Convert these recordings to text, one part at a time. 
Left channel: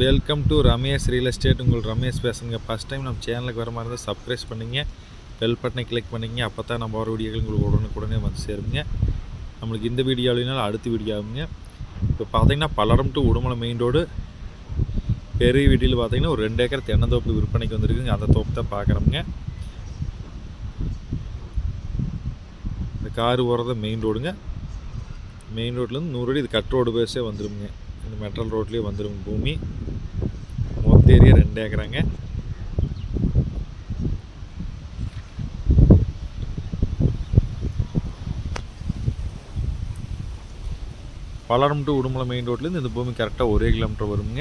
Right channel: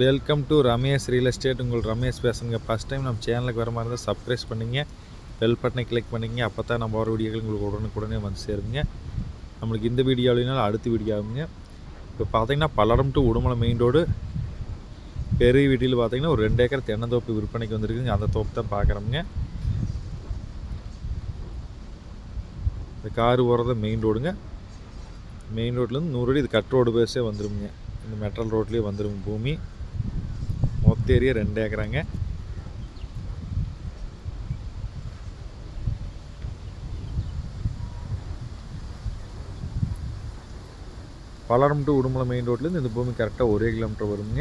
Welcome to Ramesh real estate. உங்கள் ரமேஷ் பேசுங்க. First time நம்ம சேனலுக்கு வர மாதிரி இருந்தால் சப்ஸ்கிரைப் பண்ணிங்க, பெல் பட்டனை கிளிக் பண்ணிங்க. அப்போ தான் நம்ம வர வீடியோக்கள் உங்களுக்கு உடனுக்குடனே வந்து சேருங்க. நம்மளுக்கு இந்த வீடியோ இல்லைனாலும் அடுத்த வீடியோ ஆகுங்க. இப்போ பார்த்தீங்கன்னா Palladam to Udumalai main road பெரிய வீட்டில் பார்த்தீங்கன்னா ஒரு 2 ஏக்கர் தென்னந்தோப்பு விற்பனைக்கு வந்துருக்குங்க. அந்த தோப்பு தான் பார்க்குறோமுங்க. இந்த காரு போகிறத மெயின் ரோடுங்க. மெயின் ரோட்லேருந்து 100 அடி இது கட் ரோடு பேஸே வந்துடுங்க. இந்த மெட்ரல் ரோட்லேயே வந்துடும் பூமி. மொத்த ஏரியா 2 ஏக்கராங்க. பல்லடம் டு உடுமலை மெயின் ரோட்லேருந்து இந்த பூமி கரெக்டாக 1 கிலோமீட்டர் வருங்க.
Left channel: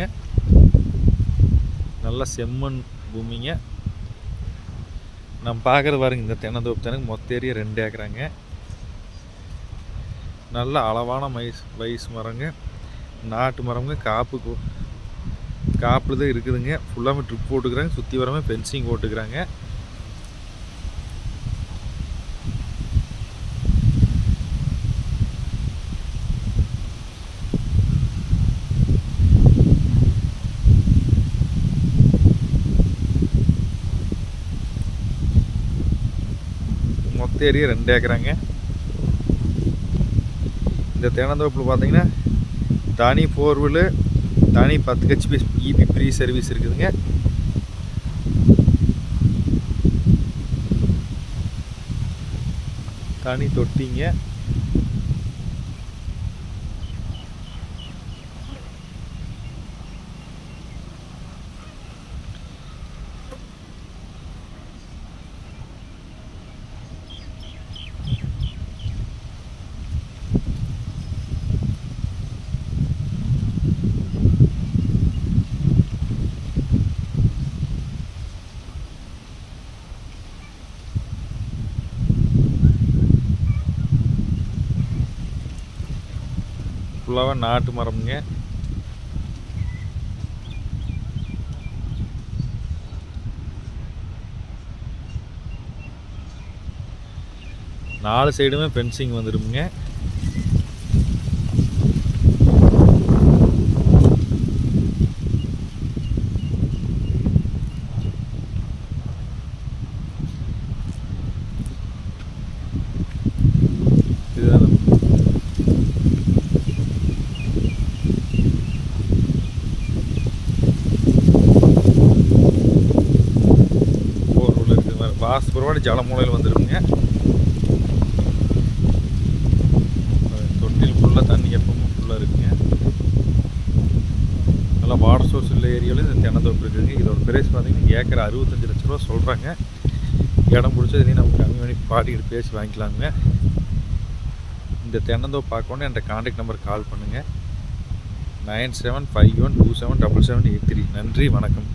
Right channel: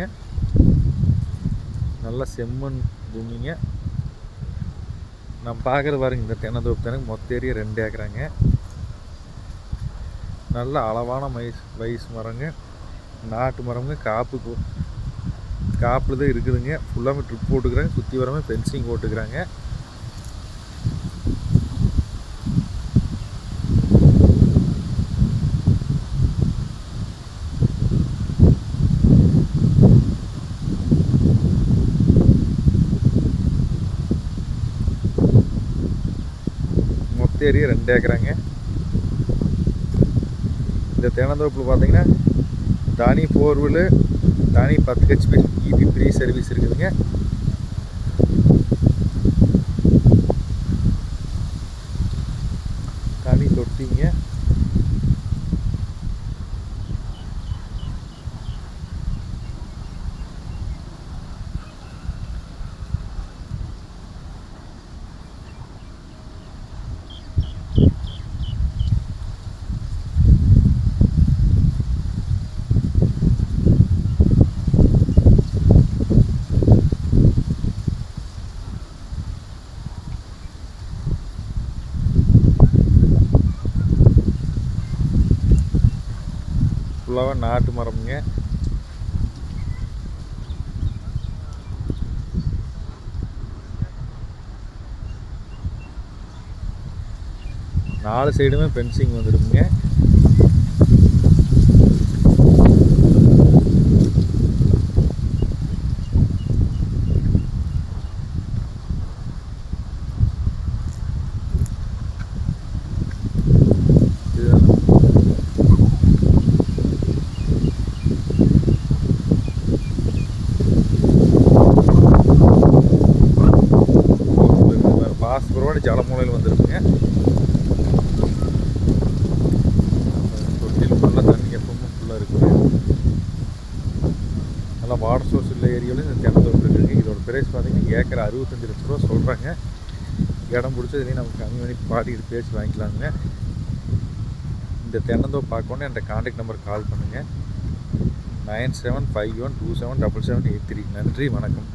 நல்லா செம்மண் பூமிங்க. நம்ம பார்க்குறது பாருங்க, இந்த தென்னந்தோப்பு தானங்க. மொத்த ஏரியா 2 ஏக்கராங்க. நல்ல அளவான வயசு மரங்க, நாட்டு மரங்க. காப்பில் தான் இருக்குதுங்க. ஃபுல்லாமே ட்ரிப் போட்டுக்கிறாங்க. சுற்றி வரமே ஃபென்சிங் போட்டுக்கிறாங்க. மொத்த ஏரியா 2 ஏக்கராங்க. இந்த தென்னந்தோப்பில் பார்த்தீங்கன்னா தனி போர்வெல், தனி 10 HP இபி ஃப்ரீ சர்வீஸ் இருக்குதுங்க. தனி தொட்டிங்க. ஃபுல்லாக நாட்டு மரம்ங்க. நாலு சைடுமே ஃபென்சிங் வந்துடுங்க. இதுதான் வாசப்பரவாடி ஜலமூலையில் வந்துடுங்க. தொட்டியில் ஃபுல்லாக தண்ணி எப்பவுமே ஃபுல்லாக இருக்குங்க. நல்லா வாட்டர் சோர்ஸ் உள்ள ஏரியாவிலும் இந்த தென்னந்தோப்பு இருக்குதுங்க. இதோட பிரைஸ் பார்த்தீங்கன்னா ஏக்கர் 65 லட்ச ரூபா சொல்கிறாங்க. இடம் பிடிச்சதுலேயும் நமக்கு கம்மி பண்ணி பாட்டிக்கிட்டு பேசி வாங்கிக்கலாங்க. இந்த தென்னந்தோப்பு பார்க்கணும் என்ற கான்டாக்ட் நம்பருக்கு கால் பண்ணுங்கள். 9751277783. நன்றி, வணக்கம்.